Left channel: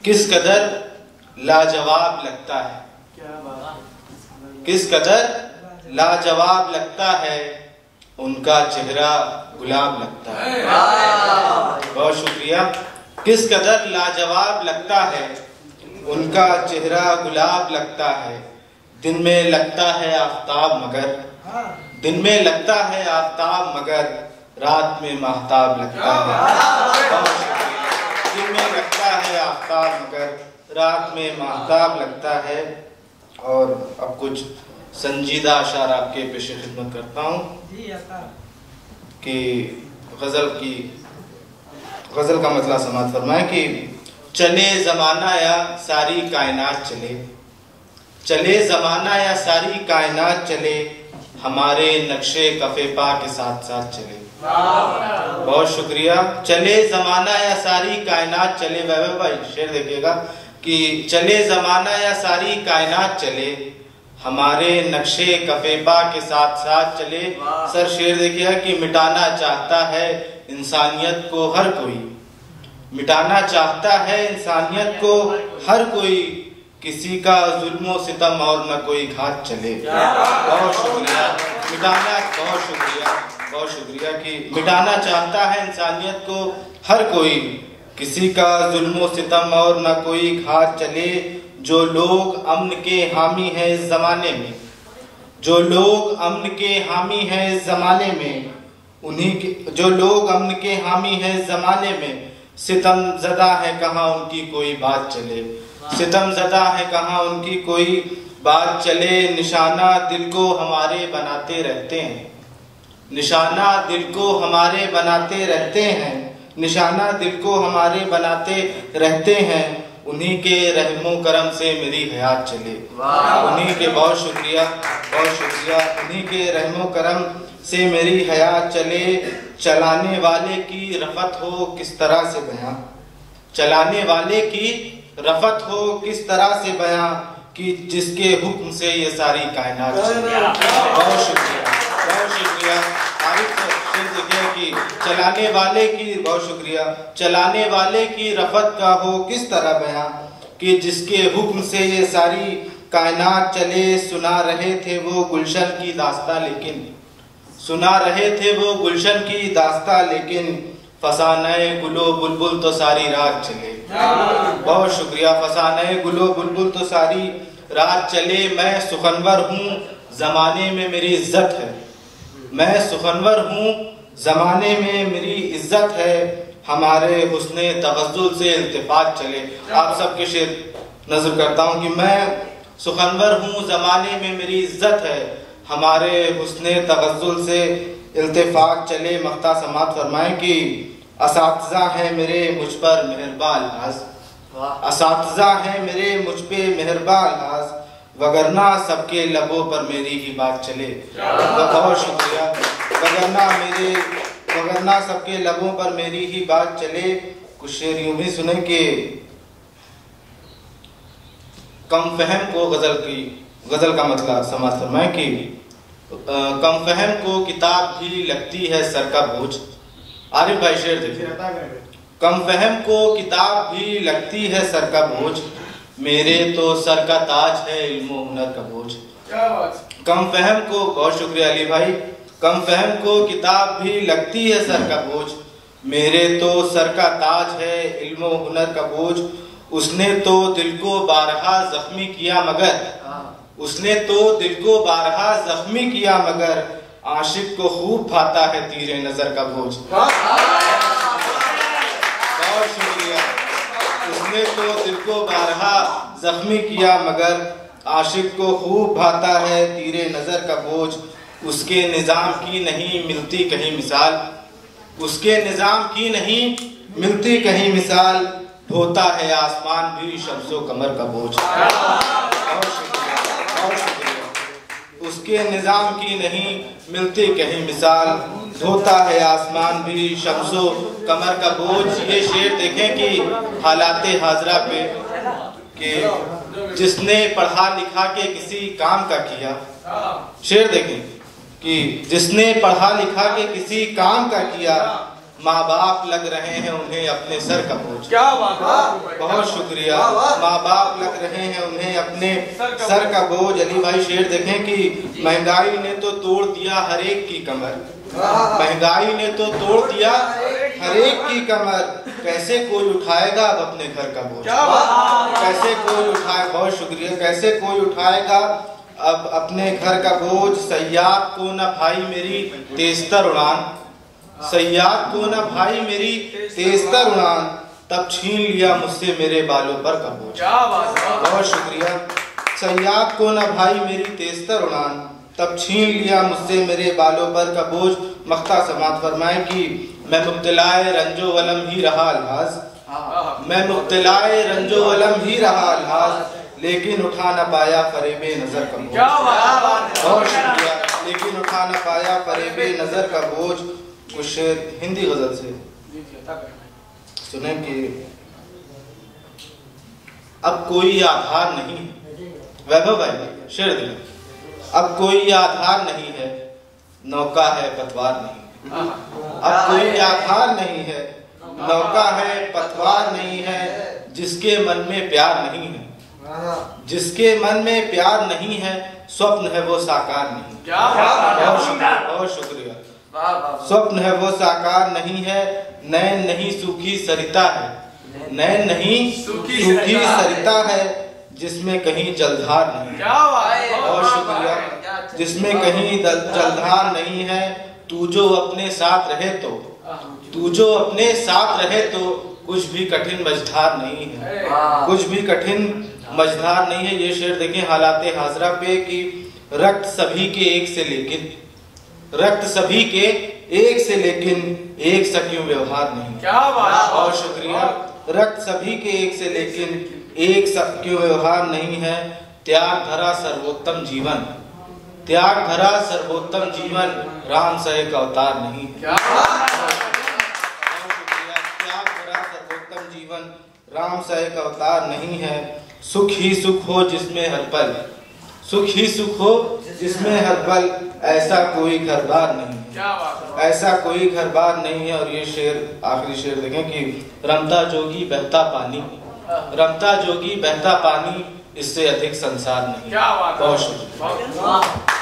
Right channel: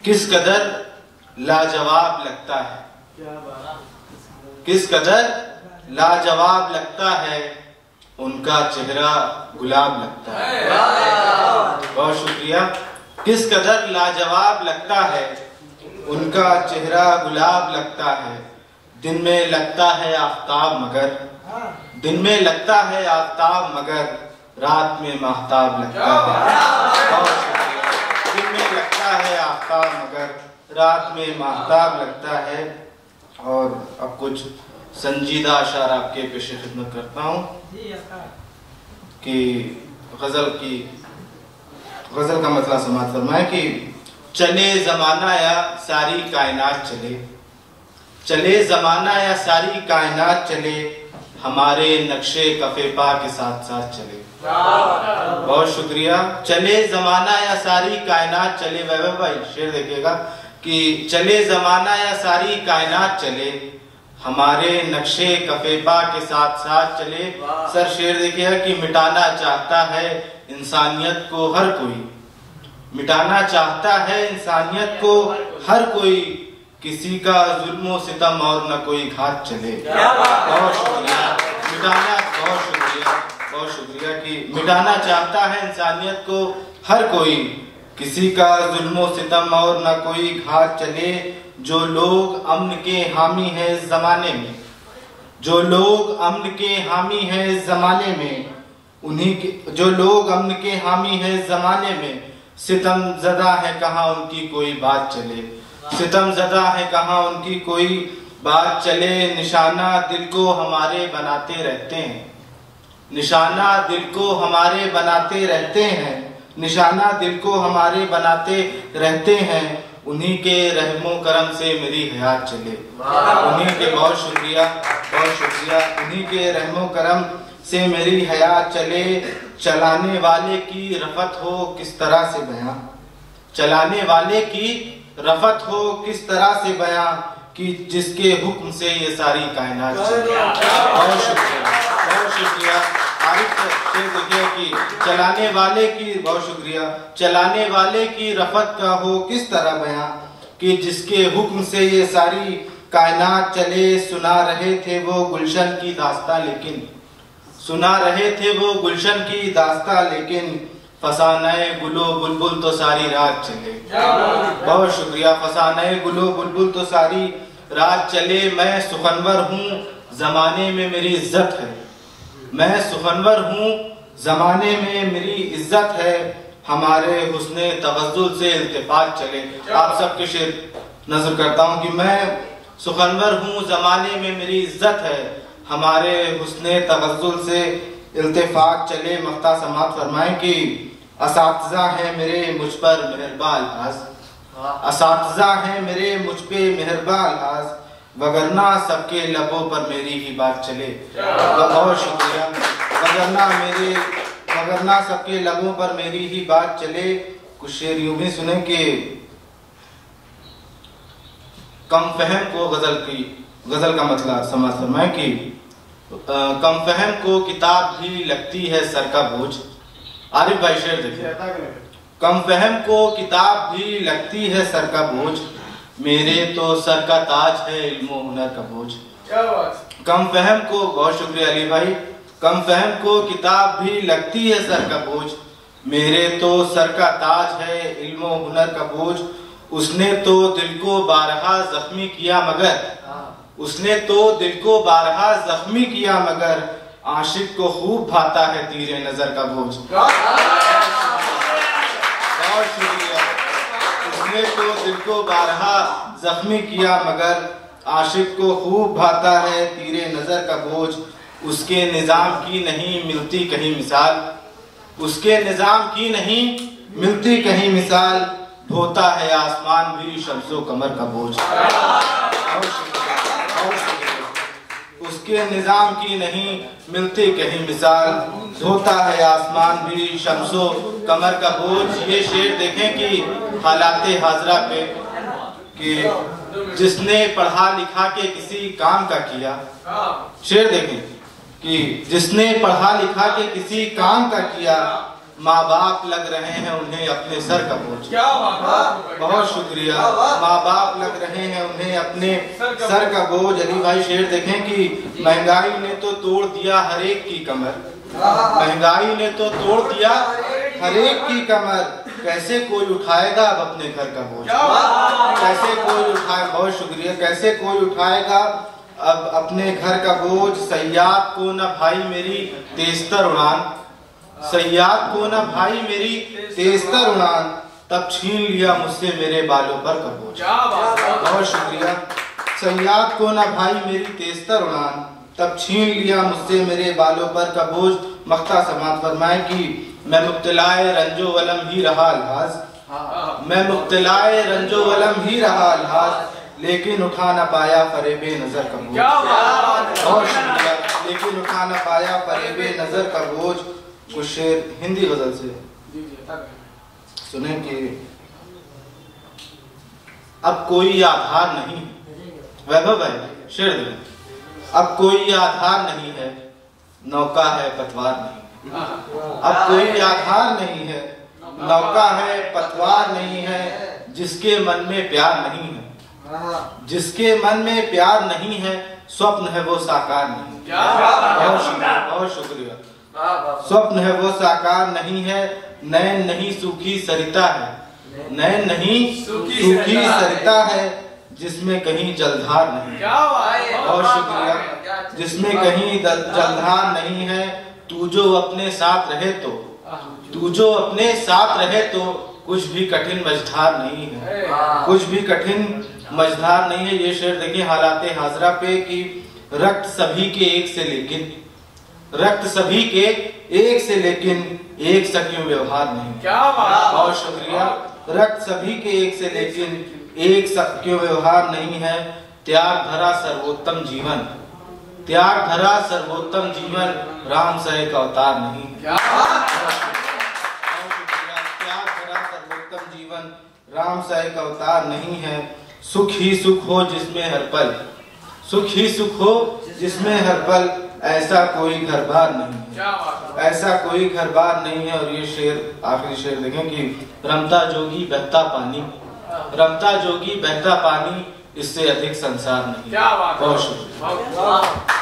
किस कदर लाजवाब लगता है, किस कदर लाजवाब लगता है, उनका चेहरा गुलाब लगता है। बहुत शुक्रिया। किस कदर लाजवाब लगता है, उनका चेहरा गुलाब लगता है। दिन में लगता है आफताब मगर, दिन में लगता है आफताब मगर, रात में महताब लगता है। बहुत शुक्रिया। दिन में लगता है आफताब मगर, रात में महताब लगता है। और अब कुछ संजीदा अशार आपके पेशे खिदमत करता हूँ कि गजल का मतलब समाज फरमाए कि चले जमाना या सारी कायनात चले, चले जमाना या सारी कायनात चले, हमारे नक्शे कफे पा के साथ साथ चले। बहुत शुक्रिया। चले जमाना या सारी कायनात चले। वैभव भाई शेर देखिएगा कि चले जमाना या सारी कायनात चले, हमारे नक्शे कफेपा के साथ साथ चले। सर शेर देखिएगा कि मिटाना चाहता है इंसानियत को हर कोई, मिटाना चाहता है इंसानियत को हर कोई, किसी का जुल्म सितम और न कोई घात चले। बहुत शुक्रिया। मिटाना, बहुत शुक्रिया, बहुत शुक्रिया कि मिटाना चाहता है इंसानियत को हर कोई, किसी का जुल्म सितम और न कोई घात चले। जो लोग अमन के हामी हैं इस जमाने में, जो लोग अमन के हामी हैं इस जमाने में, उन्हीं के, जो लोग अमन के हामी हैं इस जमाने में, सितम ज़दा है कहाँ उनकी कोई बात चले, सितम ज़दा है कहाँ उनकी कोई बात चले। निशाना दिल को हमारे बनाते रहते हैं, निशाना दिल को हमारे बनाते रहते हैं, निशाना दिल को हमारे बनाते रहते हैं, उन्हीं के रहमो करम से मेरी हयात चले। उन्हीं के, बहुत शुक्रिया, बहुत शुक्रिया, उन्हीं के रहमो करम से मेरी हयात चले। चलाने वाले की रफत हो किस तरह से बयां, चलाने वाले की रफत हो किस तरह से बयां, कि जिसके हुक्म से ये सारी कायनात चले। बहुत शुक्रिया, बहुत शुक्रिया। आरिफ शेर देखिए कि चलाने वाले की, बहुत शुक्रिया, चलाने वाले की रफत का हो किस तरह बयां, कि जिसके हुक्म से ये सारी कायनात चले। सुना रहे थे वो गुलशन की दास्तां लेकिन, सुना रहे थे वो गुलशन की दास्तां लेकिन, फसाने गुलो बुलबुल तो सारी रात चले। बहुत शुक्रिया। फसाने गुलो बुलबुल तो सारी रात चले। मैं सुखनवर हूँ जमाने में मेरी इज्जत है, मैं सुखनवर हूँ जमाने में मेरी इज्जत है, हमारे हुस्ने तवज्जुल से इल्तिफात चले। आप सबके शेर नजर करता हूँ कि मैं सुखनवर हूँ जमाने में मेरी इज्जत है, हमारे हुस्ने तवज्जुल से इल्तिफात चले। मख्ता समात फरमाए कि असातिज़ा है मेरे मुझ पर मेहरबान आज, असातिज़ा है मेरे मुझ पे मेहरबान आज, वगरना सबके लबों पर मेरी ही बात चले। बहुत शुक्रिया। वगरना सबके लबों पर मेरी ही बात चले। कुछ शेर यूं भी सुने कि कम फहम को गजल का मतलब समझ फरमाए कि कम फहम को किताब भी लगती है सर का बोझ। आरिफ भाई शेर देखिए। कम फहम को किताब भी लगती है सर का बोझ, मेरे तो सर का ताज है इल्म हुनर का बोझ। कम फहम को, बहुत शुक्रिया अली भाई, कम फहम को किताब भी लगती है सर का बोझ, मेरे तो सर का ताज है इल्म हुनर का बोझ। उसने तो दिल को बारहा जख्मी किया मगर, उसने तो दिल को बारहा जख्मी किया मगर, आशिक को खूब भाता है तीरे नजर का बोझ। बहुत शुक्रिया। उसने तो दिल को बारहा जख्मी किया मगर, आशिक को खूब भाता है तीरे नजर का बोझ। उसके निजाम की नहीं मिलती कहीं मिसाल, उसके निजाम की नहीं मिलती कहीं मिसाल, ढोता है आसमान भी शम्सो कमर का बोझ। बहुत शुक्रिया, बहुत शुक्रिया। उसके निजाम की नहीं मिलती कहीं मिसाल, धोता है आसमान भी शम्सो कमर का बोझ। ये शेर देखें कि हालाते हाजरा पे कि जिसने पढ़ा लिखा के किसी काम का किया, शेर देखें कि जिसने पढ़ा लिखा के किसी काम का किया, माँ बाप लग रहे हैं उन्हें अपने सर का बोझ। क्या बात, बहुत शुक्रिया। माँ बाप लग रहे हैं उन्हें अपने सर का बोझ। अली भाई शेर देखें कि महंगाई ने तो तोड़ दिया हर एक की कमर, महंगाई ने तो तोड़ दिया हर एक की कमर, कैसे कोई उठाएगा अब अपने घर का बोझ, कैसे कोई उठाए। बहुत शुक्रिया। कैसे कोई उठाएगा अब अपने घर का बोझ। सयाद को न भाई मेरी तेजतर उड़ान, सयाद को न भाई मेरी तेजतर उड़ान, तब छीन लिया मुझसे मेरे बालों पर का बोझ। बहुत शुक्रिया। सयाद को न भाई मेरी तेजतर उड़ान, तब छीन लिया मुझसे मेरे बालों पर का बोझ। मख्ता समात फरमाए कि मैं मुब्तलाए रंजो वलम ही रहा अल्हाज, मैं मुब्तलाए रंजो वलम ही रहा अल्हाज, लेकिन उठा न पाया फरेबे नजर का बोझ। बहुत शुक्रिया। लेकिन उठा न पाया फरेबे नजर का बोझ। कुछ शेर हिंदी गजल से सुने कि अब कोई आधार नहीं, वैभव है शेर दिल, अब कोई आधार नहीं है, नौका है पतवार नहीं, अब कोई आधार नहीं है, नौका है पतवार नहीं है, जिसके मन में प्यार नहीं है, जिसके मन में प्यार नहीं है, स्वप्न है वो साकार नहीं। बहुत शुक्रिया, बहुत शुक्रिया। स्वप्न है वो साकार नहीं है, नैन नहीं सूखी सरिता है, नैन नहीं सूखी सरिता है, जिसमें कहीं जलधार नहीं। बहुत शुक्रिया। जिसमें कहीं जलधार नहीं है, तू जो अपने साथ रहे तो, तू जो अपने साथ रहे तो कुछ भी कठिन मझधार नहीं है, कुछ भी कठिन मझधार नहीं है। ये शेर देखिए हालाते हाजरा पे कि रक्त सभी के एक से लेकिन, रक्त सभी के एक से लेकिन एक सा क्यों व्यवहार नहीं। बहुत शुक्रिया। रक्त सभी के एक से लेकिन एक सा क्यों व्यवहार नहीं है, त्याग धरा सर्वोत्तम जीवन, त्याग धरा सर्वोत्तम जीवन, राम सहे का अवतार नहीं है। त्याग धरा सर्वोत्तम जीवन, राम सहे का अवतार नहीं है। सुख ही सुख हो जिसमें हर पल, सुख ही सुख हो जिसमें हर पल, ऐसा कोई घर बार नहीं है, ऐसा कोई घर बार नहीं है। और ये शेर आखिरी शेर देखें कि रमता जोगी बहता पानी, रमता जोगी बहता पानी, इससे अधिक संसार नहीं। बहुत शुक्रिया।